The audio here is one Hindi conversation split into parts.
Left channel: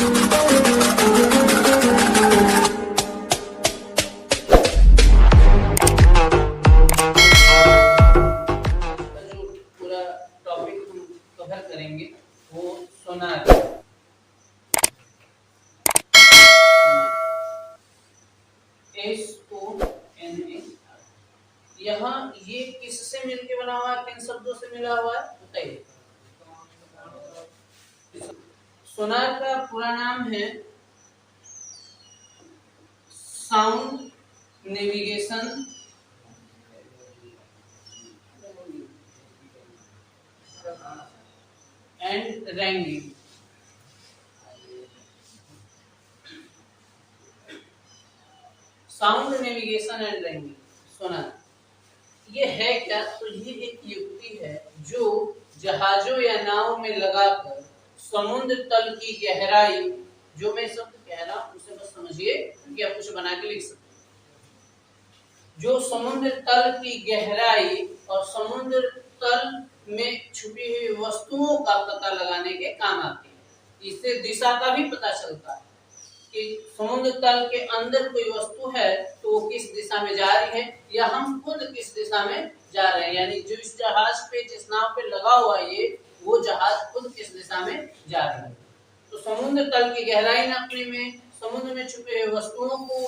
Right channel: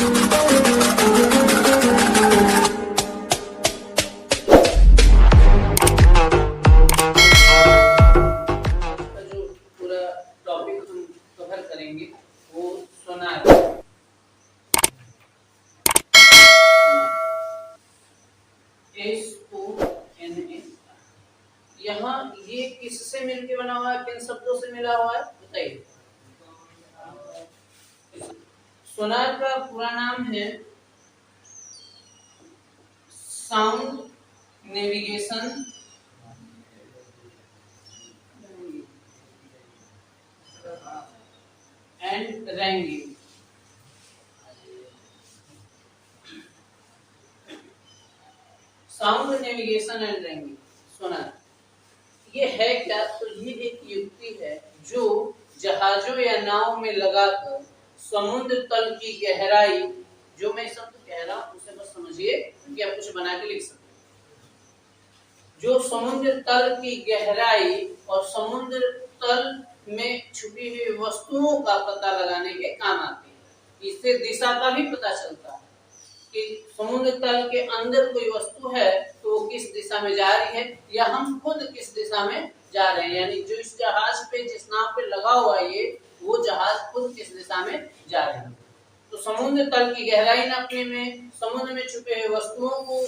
पूरा टॉपिक हम कवर करेंगे वो सोनार। SONAR। यहाँ ये किससे मिलके बना हुआ है, किन शब्दों से मिला हुआ है बताइए। सोनार का पूरा नाम है sound navigation and ranging. Sound navigation and ranging sonar ये है क्या? तो ये एक युक्ति है जो जहाजों या नाव में लगाकर समुद्र तल की गहराई, जो मैं शब्द कह रहा हूं उसे बस समझिए कि आप कुछ बना के लिख सकते हैं। जो समुद्र तल की गहराई और समुद्र तल में छुपी हुई वस्तुओं का पता लगाने के काम आती है। इससे दिशा का भी पता चलता है कि समुद्र तल के अंदर कोई वस्तु है तो वो किस दिशा में जा रही है, या हम खुद किस दिशा में जा रहे हैं। यानी जो इस जहाज पे, जिस नाव पे लगा हुआ है ये, वो जहाज खुद किस दिशा में जा रही है। तो समुद्र तल की गहराई नापने में, समुद्र में छुपे हुए वस्तुओं को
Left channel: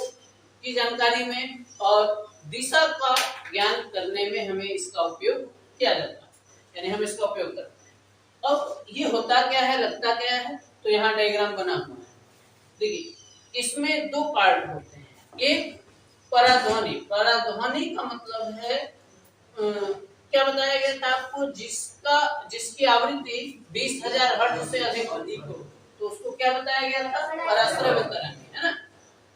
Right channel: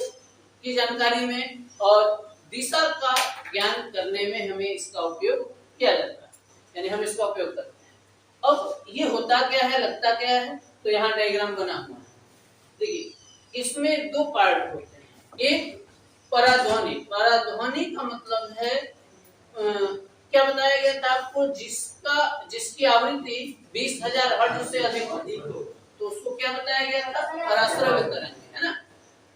की जानकारी में और दिशा का ज्ञान करने में हमें इसका उपयोग किया जाता है, यानी हम इसका उपयोग करते हैं। अब ये होता क्या है, लगता क्या है, तो यहाँ डायग्राम बना हुआ है। देखिए इसमें दो पार्ट होते हैं। एक पराध्वनि। पराध्वनि का मतलब है क्या बताया गया था आपको, जिसकी आवृत्ति 20,000 हर्ट्ज से अधिक हो तो उसको क्या बताया गया था, पराश्रव्य तरंग, है ना।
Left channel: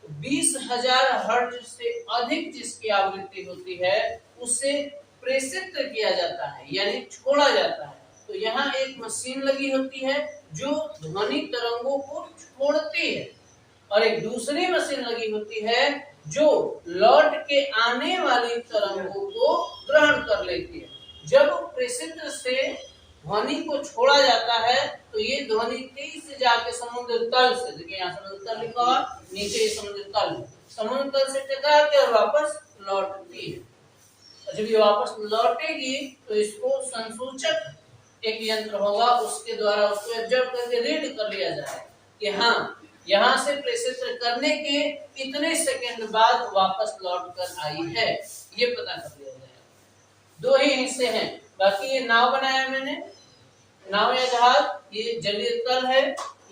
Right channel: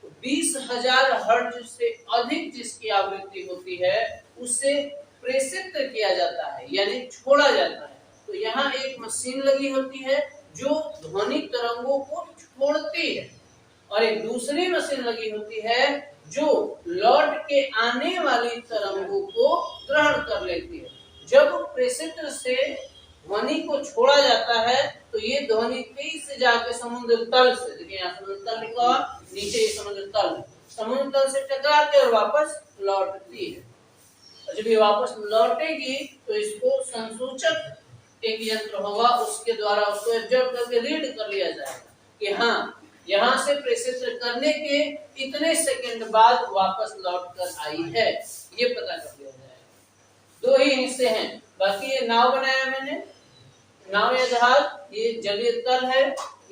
तो 20,000 हर्ट्ज से अधिक जिसकी आवृत्ति होती है उसे प्रेषित किया जाता है, यानी छोड़ा जाता है। तो यहाँ एक मशीन लगी होती है जो ध्वनि तरंगों को छोड़ती है, और एक दूसरी मशीन लगी होती है जो लौट के आने वाली तरंगों को ग्रहण कर लेती है। जब प्रेषित से ध्वनि को छोड़ा जाता है तो ये ध्वनि तेजी से जाके समुद्र तल से, देखिए यहाँ समुद्र तल लिखा हुआ, नीचे ये समुद्र तल से टकरा के और वापस लौटती है। जब ये वापस लौटेगी तो इसको संसूचक एक यंत्र होगा, उसके द्वारा उसको ऑब्जर्व करके रीड कर लिया जाएगा कि हाँ यहाँ से प्रेषित करने के इतने सेकंड बाद वापस लौट कर आई है, ये पता कर लिया जाएगा। दो ही हिस्से हैं। बाकी ये नाव बनाया मैंने, नाव या जहाज, ये जलीय तल है,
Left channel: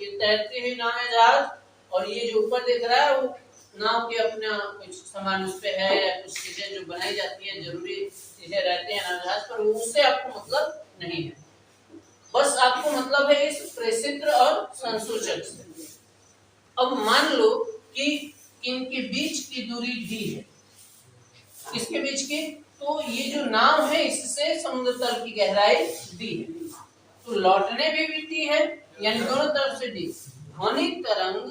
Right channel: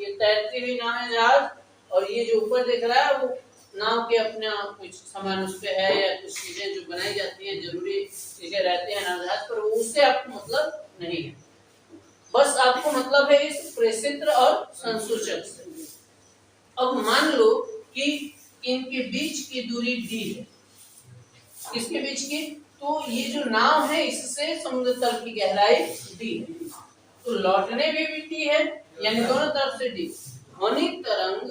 ये तैरती हुई नाव या जहाज, और ये जो ऊपर दिख रहा है वो नाव के अपना कुछ सामान उस पे है, या कुछ चीजें जो बनाई जाती है, जरूरी चीजें रहती है नाव जहाज पर, उससे आपको मतलब नहीं है। बस आपको मतलब है इस प्रेषित्र और संसूचक से। अब मान लो कि इनके बीच की दूरी d है, इसके बीच की, तो ये जो नाव है इससे समुद्र तल की गहराई d है, तो लौटने में भी d है, यानी दोनों तरफ से d। ध्वनि तरंग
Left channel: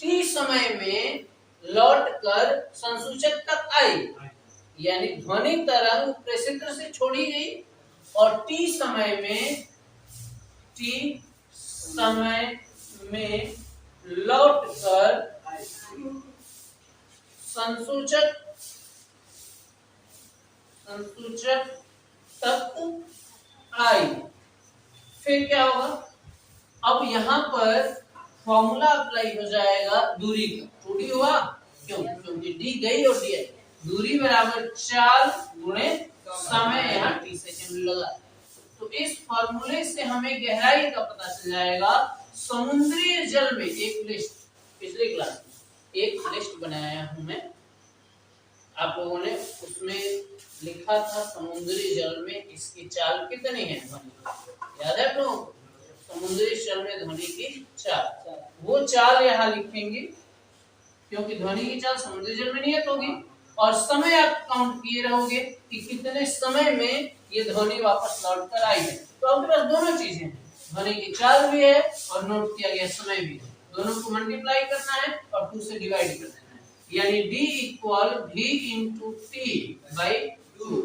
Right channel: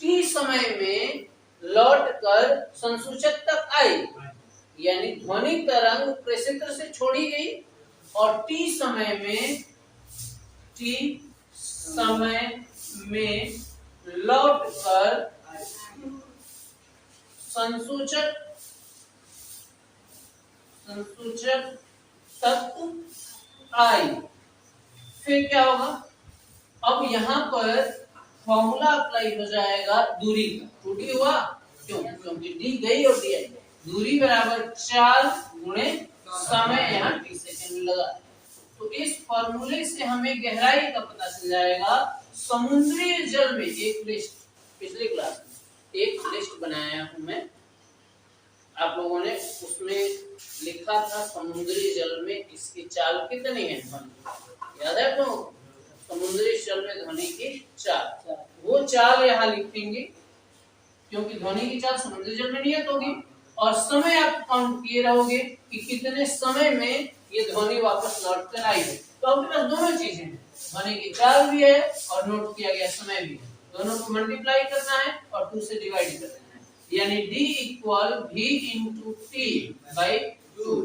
t समय में लौट कर संसूचक तक आई, यानी ध्वनि तरंग प्रेषित्र से छोड़ी गई और t समय में लौट कर संसूचक तक आई। फिर क्या होगा, अब यहाँ पर फॉर्मूला अप्लाई हो जाएगा दूरी का। दूरी हुआ क्योंकि डी गई और डी आई, दूरी बराबर 4 गुणे समय, यहाँ t सेकंड लगा। तो इस फॉर्मूले से हमें गहराई का पता चल जाएगा। समुद्री जल में एक लिस्ट, पिछली क्लास में एक लिस्ट बनाया हूं मैं, आप लोगों ने उसमें लिखा था समुद्री जल में इसकी चाल कितनी है, याद है तो? समुद्री जल में ध्वनि की चाल, वो चाल यहाँ लिखेंगे क्योंकि ध्वनि की चाल समुद्री जल में नियत होगी। और समय आप काउंट किए रहोगे कि कितने समय में ये ध्वनि वापस लौट कर आई है। तो आपके पास दोनों चीजें हैं, ध्वनि की चाल भी है और नोट किया गया समय भी है। दोनों को मल्टीप्लाई करना है और 2 से डिवाइड कर देना है, यानी d equal v into T by 2।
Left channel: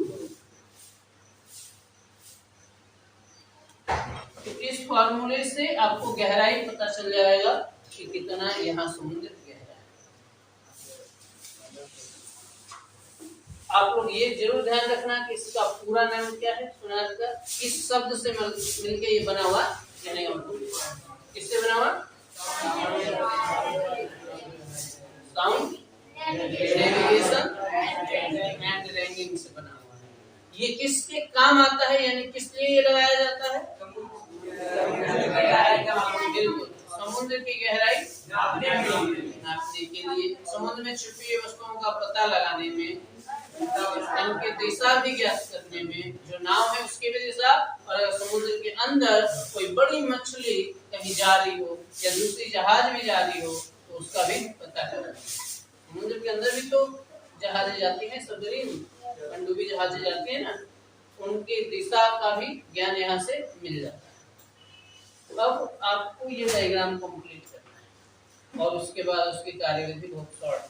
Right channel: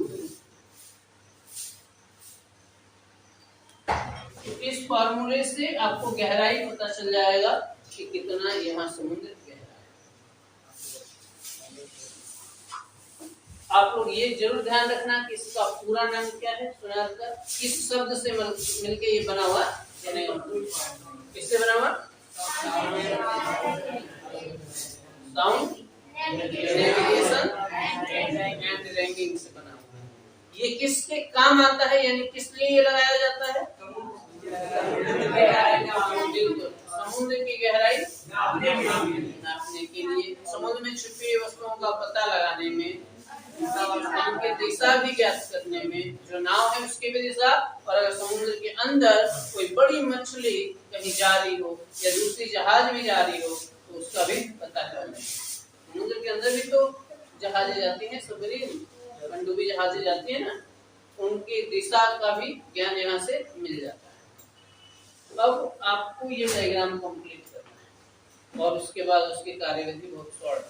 इस फॉर्मूले से आपको गहराई पता चल जाएगा कि कितना यहाँ समुद्र गहरा है। आप लोग ये जरूर ध्यान रखना कि इसका पूरा नाम क्या है, सुनार का किस शब्द से मिलके ये बना हुआ, किससे बना हुआ? साउंड नेविगेशन एंड रैंकिंग से बना हुआ है। ये किसके काम आता है, यानी किस लिए ये लगाया जाता है? समुद्र की गहराई नापने के लिए, समुद्र में छुपी हुई वस्तुओं का पता लगाने में, उनके दिशा भी ज्ञात करने में, जो नाव है उसकी भी दिशा, और अगर समुद्र के अंदर कोई बड़ी मछली कहीं जा रही हो या दूसरी जहाज भी जा रही हो तो उसका भी पता करना। समुद्र के अंदर भी तो जहाजें जाती हैं, सबमरीन पनडुब्बी जहाजें जाती है ना, उनकी दिशा का भी ज्ञान यहाँ से मिल जाता है। अब आपको ये डायग्राम कंप्लीट करना है और उसके बाद उसकी कार्यविधि बहुत शॉर्ट